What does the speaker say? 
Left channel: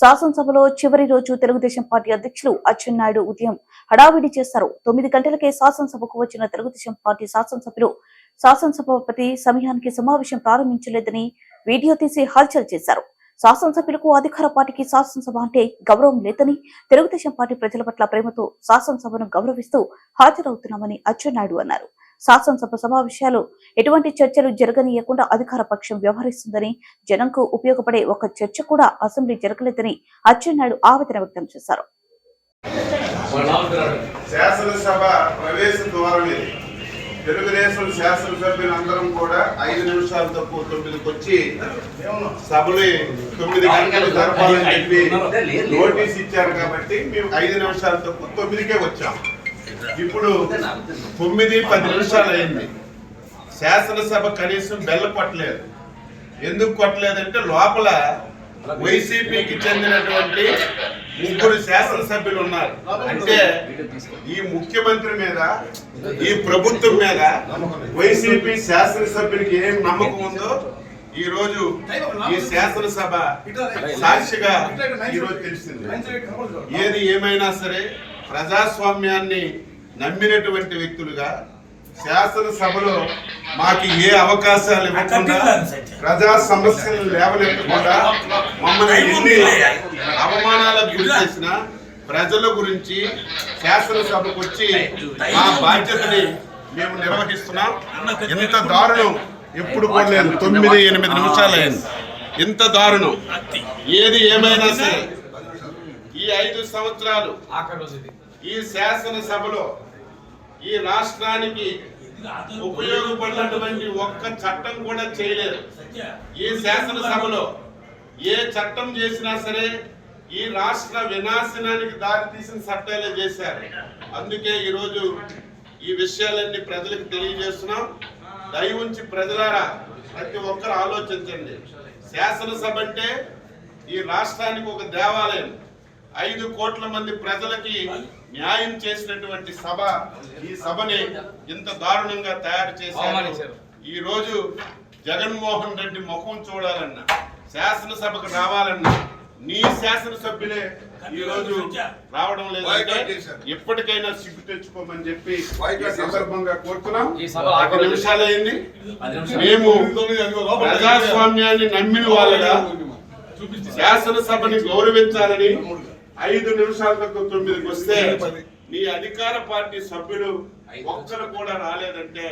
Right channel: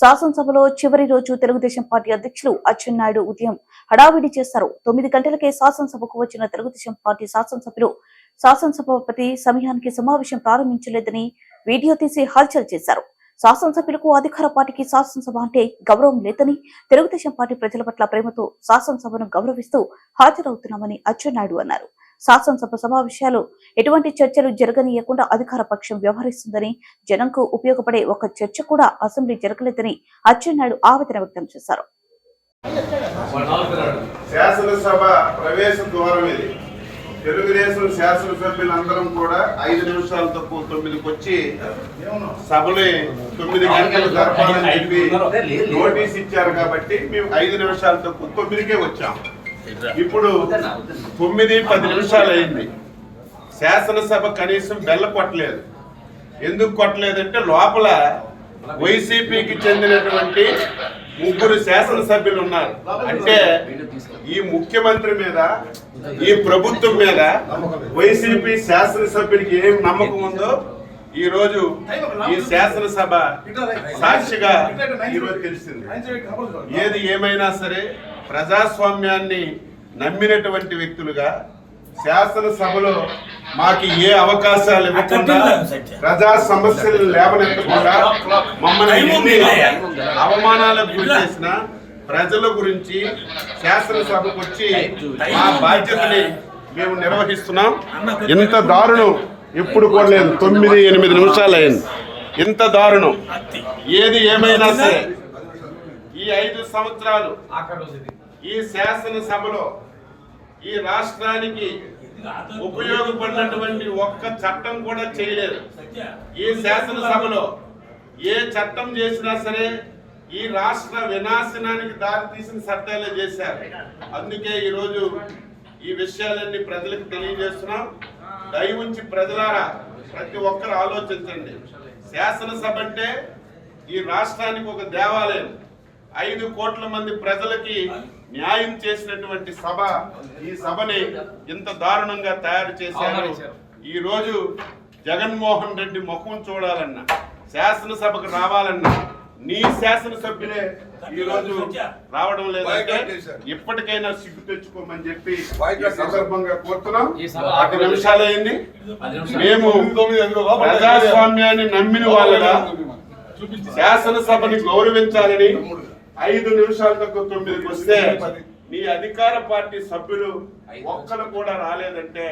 శాసనసభలో చివరి రోజు తెలుగుదేశం పార్టీ అధ్యక్షులు అచ్చెన్నాయుడు ఉదయం హడావిడి చేశారు. 9 గంటలకే శాసనసభకు వచ్చిన తెలుగుదేశం పార్టీ శాసనసభ్యులు శాసనసభాపతి సమయానికి సమావేశం ప్రారంభించలేదని వీడియో తీసి హల్చల్ చేశారు. శాసనసభ్యులకు అధికార పార్టీకి శాసనసభ అంటే గౌరవం లేదని, తెలుగుదేశం పార్టీ ప్రజల పట్ల ప్రేమతో శాసనసభను గౌరవిస్తూ హాజరవుతున్నామని అచ్చెన్నాయుడు అన్నారు. శాసనసభ సమావేశాలు ఎటువంటి చర్చలు జరగనీయకుండా అధికార పక్షం వ్యవహరిస్తుందని, జనంకు ఉపయోగపడే ఒక చర్చ కూడా అసెంబ్లీ జరగలేదని అచ్చెన్నాయుడు ఆవేదన వ్యక్తం చేశారు. శాసనసభ ప్రవేశ ద్వారం ఇది. తెలుగుదేశం శాసనసభ్యులందరం కూడా 5 నిమిషాలు తక్కువ 9కి వచ్చి సభలు 9 గంటలు జరపాలని చెప్పి నోటీస్ ఇచ్చారు కాబట్టి మేము 5 నిమిషాలు తక్కువ 9కే వచ్చాం. ఇప్పుడు 9:10 నిమిషాలు అయింది. శాసనసభ కనీసం బెల్ల కొట్టలేదు. ఎందుకు కొట్టలేదంటే లోపల వైసీపీకి చెందినటువంటి 3 శాసనసభ్యులు ఉన్నారు. అంటే ఈ ముఖ్యమంత్రి మీద, ఈ ప్రభుత్వం మీద వైసీపీ శాసనసభ్యుడికి ఏం నమ్మకం ఉందో ఈ రోజు ఈ శాసనసభ సాక్షిగా ఈరోజు తెలిసింది. ఏది ఏమైనా సరే ప్రజాస్వామ్యాన్ని నమ్మినటువంటి వ్యక్తులుగా శాసనసభలో మాకు ఏ అవకాశాలు ఇవ్వకుండా, ప్రజా సమస్యలు లేవనెత్తకుండా, మమ్మల్ని అవమానాలకు గురి చేసిన ప్రజల గురించి శాసనసభకు వచ్చి మా బాధ్యతని మేము నిర్వహిస్తున్నాం. ఇంత దారుణం ఎప్పుడు కూడా లేదు. 9-8 నిమిషాలు అయింది. ఇంత దారుణం ఏది ఏమైనా సరే ఈ 5 సంవత్సరాలు ఈ శాసనసభలో ఈ రాష్ట్రానికి ఉపయోగపడినటువంటి ఒక్క చట్టం కూడా చేయలేదు. ఈ శాసనసభలో ఏ చట్టం చేసినా సరే ఈ రాష్ట్ర వినాశనానికి దారితీసిన చట్టాలే చేశారు. అందుకే ఈరోజు ఈ విషయాలన్నీ ప్రజలకు తెలియజేస్తున్నాం. దయ ఉంచి ప్రజలారా ప్రతి ఒక్కరు ఆలోచించండి. శాసనసభ అంటే ఈ రాష్ట్రానికి ఒక దేవాలయం. 5 కోట్ల మంది ప్రజలకి న్యాయం చేసినటువంటి సభ. ఈ సభని ఇంత దారుణంగా తయారు చేశారు. ఈ రోజు జగన్మోహన్ రెడ్డి ముఖం చూడాలన్నా, శాసనసభకు రావాలన్నా నీ శాసనసభ్యులే ఈ రోజు రావడం లేదంటే ఇప్పటికైనా సిగ్గు తెచ్చుకోమని చెప్పి ఈ సందర్భంగా కోరుతున్నాం. 10 నిమిషాలు అయింది. మేము ప్రజాస్వామ్యాన్ని నమ్మిన వాళ్ళగా శాసనసభని గౌరవించాలని 5 నిమిషాల తక్కువ 9కి వస్తే నీ అధికార పార్టీ సభ్యులు ఒక్కరు కూడా రాలేదంటే